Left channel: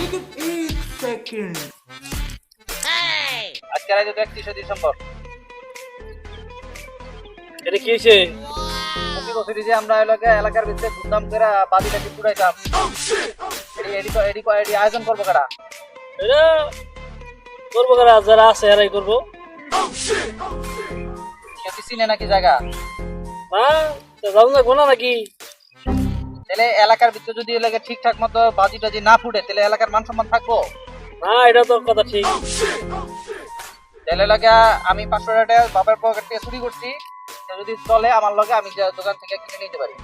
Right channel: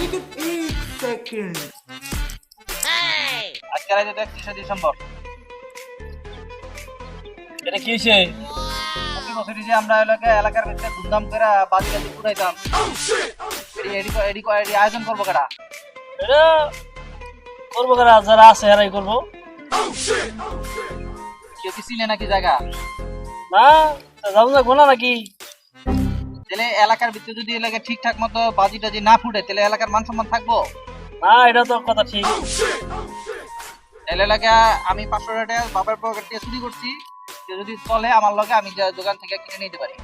लेकिन एक सेकंड আজকে রাতে 31 ডিসেম্বর এটা কি হয়েছে? প্রতি বছরই যে আমরা এলাকার ভিতরে ধুমধাম করে বাজি টাজি ফুটাইতাম, এডি আয়োজন করবো কারা? এটা করবো কারা? যারা আছে এরাই করবো। কেউ কি চিনে নাকি জায়গা? না যাবো যাবো না নাকি? তাহলে এলাকার ভিতরে যদি এলাকা ঠিকঠাক মতো বাজি টাজি না ফুটে তাহলে এলাকার মান সম্মান থাকবো? না এটা তো কথা ঠিক। তাহলে এলাকা আমি 500 টাকা বাবার পকেট থেকে চুরি করছি, কেউ যদি চলে আমার লগে আমি দোকান থেকে কিনে নিতে পারি।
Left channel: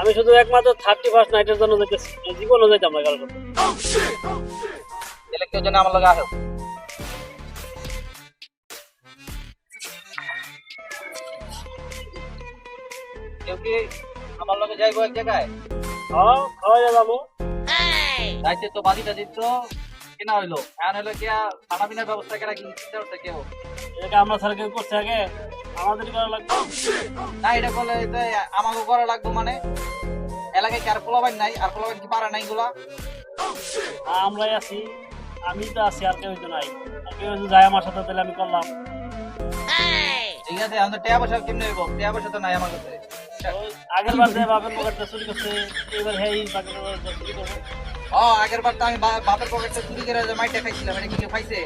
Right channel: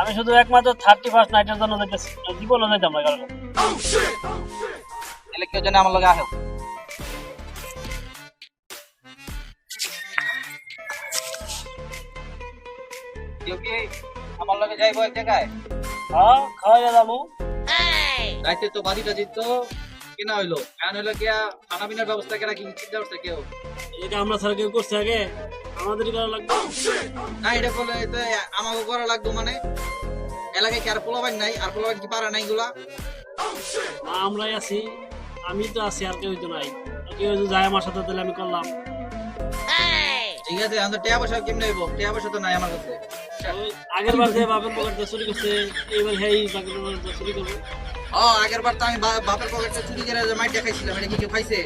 আমি শুধু একমাত্র 31 নাইটের জন্য যেতেছি, জীবনে যেতাম না কারোর সাথে। তাহলে কেউ যেন আমার লগে আসে। কেউ কি আমার লগে যাইবো এক জায়গায়? হ্যাঁ খাওয়া যাবো। রাইতে তো বাজি টাজি তো কেনা হইলো, এখন হইলো গিয়া খানা পিনার ব্যবস্থা কেনা কি চিন্তা করছে কেউ? এটাকে আমরা ছাড়া কেউ করছে আগে? আমাদেরই করা লাগবে। না এটা বলে আমাকে করা লাগবে মানে এলাকায় কি আর পোলাবাইন নাই? আর পোলাবাইন কি পারে নাই গুলা? আমরাই আছি, আমি তো আছি, আর কেউ তো নাই। আর কেউ যদি যায় আমার সাথে তাহলে আমি করলাম। ঠিক আছে, আমি তো টাকা পয়সা কেমনে হইব? টাকা পয়সা তো নাই আমার কাছে। আগের বার বাপের পকেটে চুরি করছে, এবার হেই বাপের পকেটে চুরি করবো। আগের বার তো আমি বাপের পকেটে চুরি করে মাইটা খাইছিলাম, এটা কিছু খাইছে?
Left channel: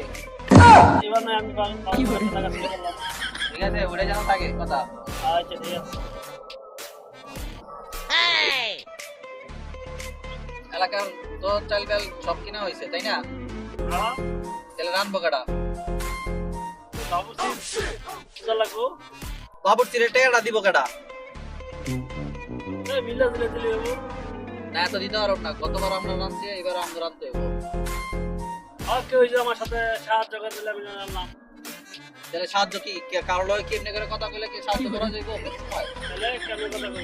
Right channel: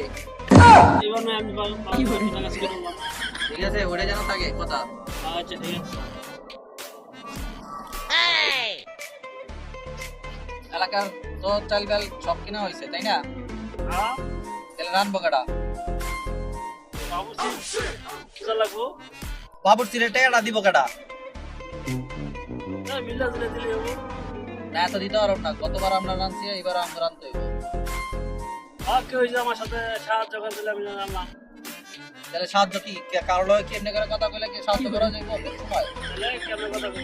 এবার নয় আমি টাকা চুরি করলাম। ঠিক আছে, ওটা যেন থাকে কথা। আচ্ছা ঠিক আছে। এলাকার তো চাল ডাল সব কিনা হয়েছে তাই না? হ্যাঁ তাহলে রানবো কাটা? অবশ্যই লাগবো। বাবুর চিরে টাকাটা দিব কাটা? মিলা দিলে দিলে হবে। না এত দিতে পারব না, গতবার আমরা রানছি, এবার আমরা রানতে হইব। আর কেউ যে আমার সাথে সাহায্য করতে আমি জানলাম। তাহলে সাহায্য কি কারো লগে কি এমনি করে কথা কইলে কি সাহায্য করা যাইব? তাহলে কেমন কথা বলবো?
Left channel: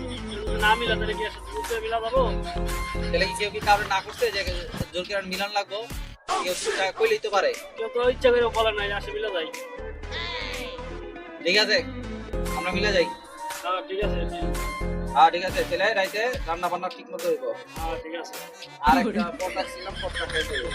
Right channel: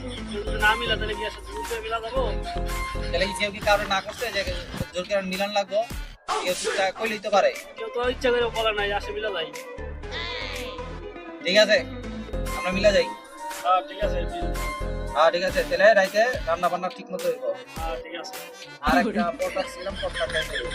না মিলা তাহলে কি আসে মিলা যাবো? তাহলে কি কেউ কি কারো না করছে যে জোর করে মিলন লাগবো? কেউ চিন্তা কইলেই তো পারে। কেউ তো ইচ্ছা করে বলে নাই, আসে মিলা যাই। ঠিক আছে, আমরা মিলা যাই। হ্যাঁ ঠিক আছে। হ্যাঁ ঠিক আছে, তাহলে রাইতে রান্না বান্না ঠিক মতো হইব। হ্যাঁ ঠিক আছে। আর একটা পটকা ছিলাম, পটকা খাইতে হইব।